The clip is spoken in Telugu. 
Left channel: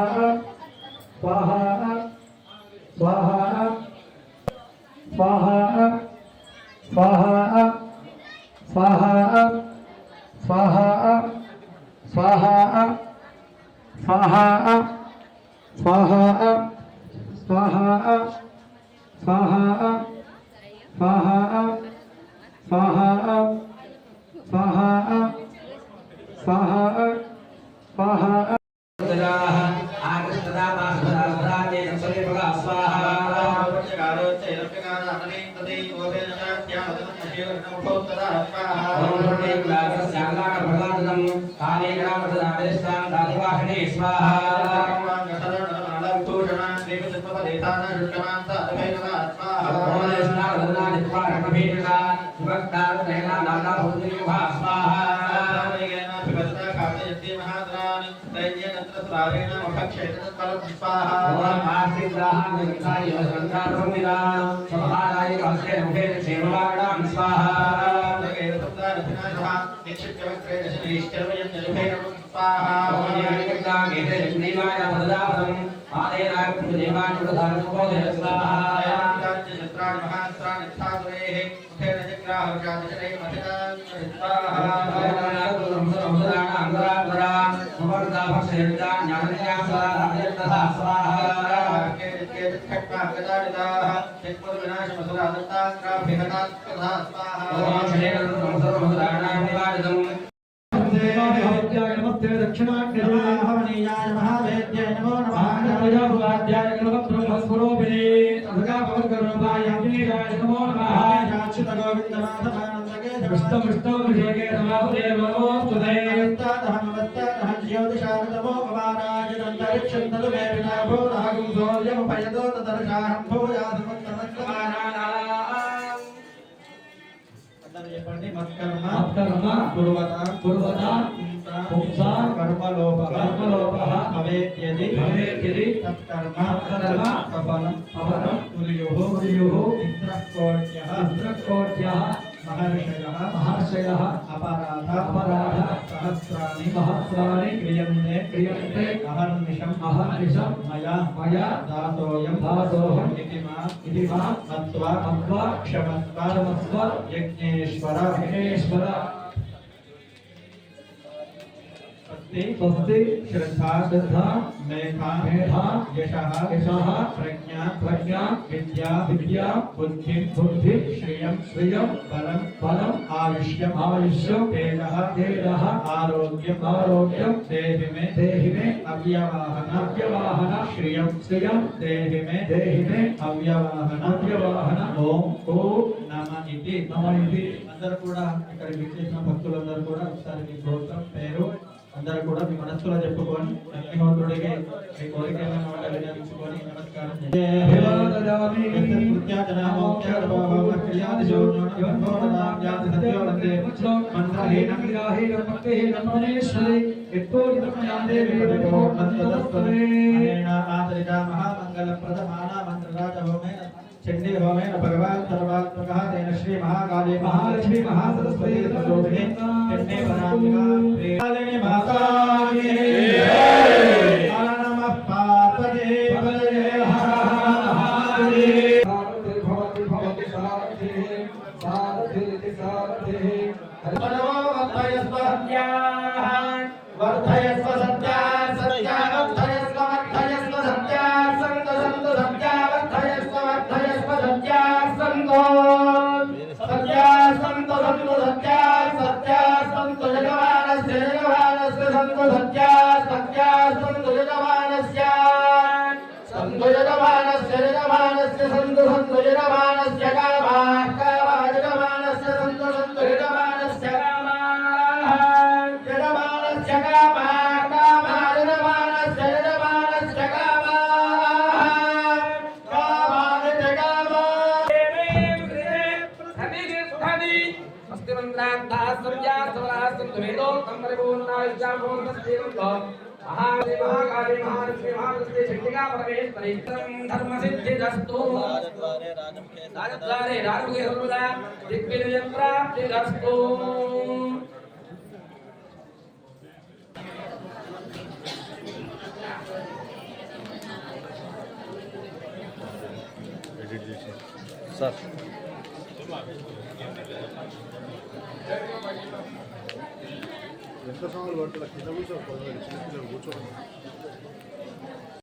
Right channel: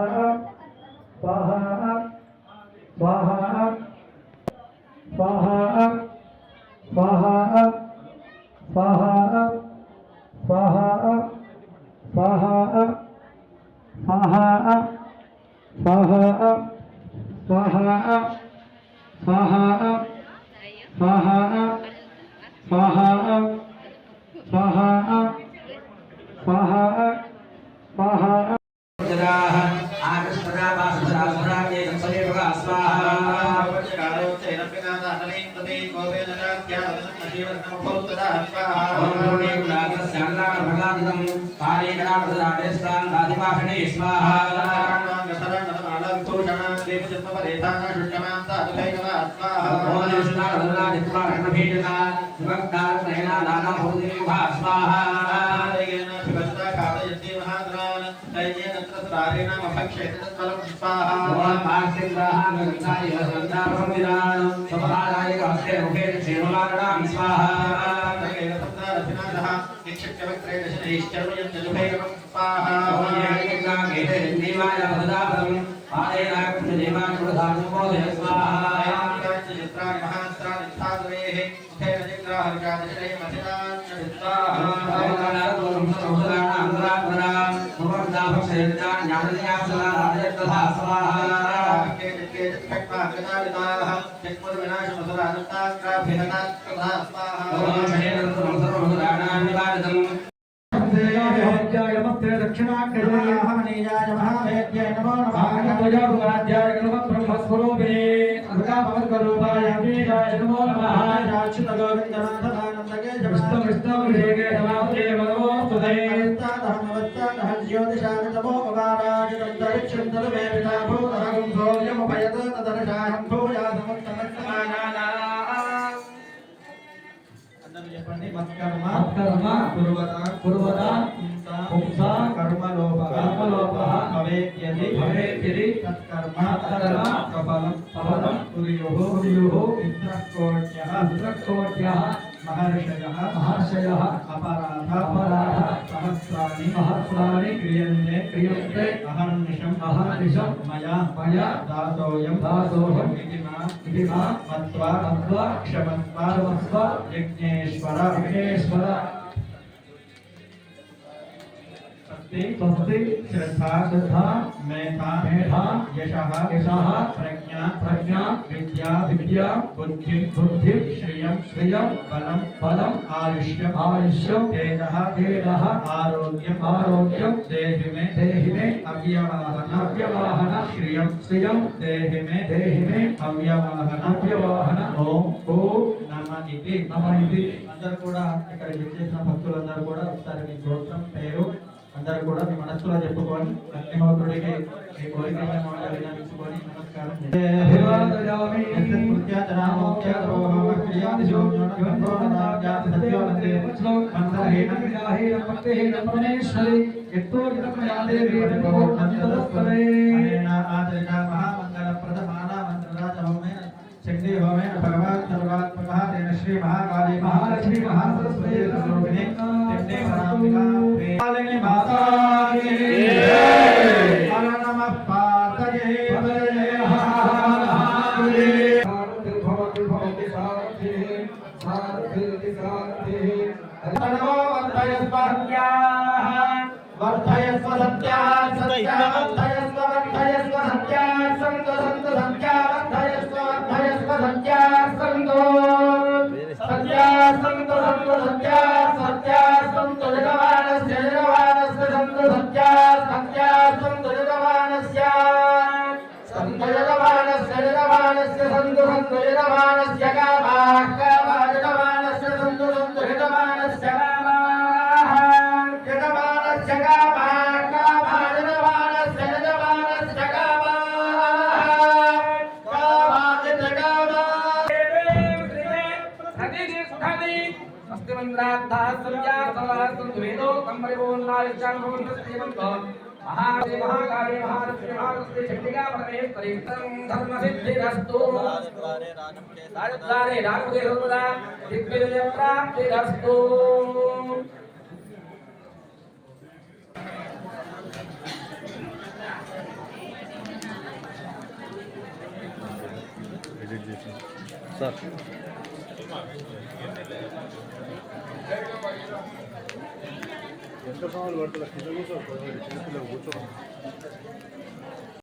स्वाहा स्वाहा स्वाहा स्वाहा स्वाहा स्वाहा स्वाहा स्वाहा स्वाहा स्वाहा स्वाहा स्वाहा स्वाहा स्वाहा स्वाहा स्वाहा स्वस्ति श्रद्धा श्रद्धा मेधा मेधा यशः यशः प्रज्ञा प्रज्ञा विद्या विद्या बुद्धि बुद्धि श्रियं श्रियं बलं बलं आयुष्यम् आयुष्यं तेजः तेजः आरोग्यम् आरोग्यं देहि मे अव्यवाहन अव्यवाहन श्रियं श्रियं देहि मे अव्यवाहन अव्यवाहन ओम नमः इति అందరూ కూడా ఇక్కడ విచ్చేసిన భక్తులందరూ కూడా ఒకసారి మీ గోత్రం పేరు అందరూ కూడా మీ మనస్సులో చెప్పుకొని అగ్నిహోత్రుడికి మీ కోరికలను విన్నవించుకొని నమస్కారం चंडी होमेन भगवान सर्वात्मकः तेन श्री महाकाली महालक्ष्मी महासरस्वती स्वरूपिणी चंडी वरांबिका कालिनी माता की जय नमः पार्वती पतये हर भवति भवति सारथि सारथि सारथि नमो वर्धयस्व सत्याः वर्धयस्व सत्याः सत्याः वर्धयस्व वर्धयस्व सत्याः संत संत सत्याः धर्म सिद्धिरस्तु राजद्वारे राजमुखे सर्वदा दिग्विजय प्राप्तिरस्तु సార్ ఎంత సమయాలు పడుతుంది కింద కూర్చో చిన్నపిల్లలు కూర్చోండి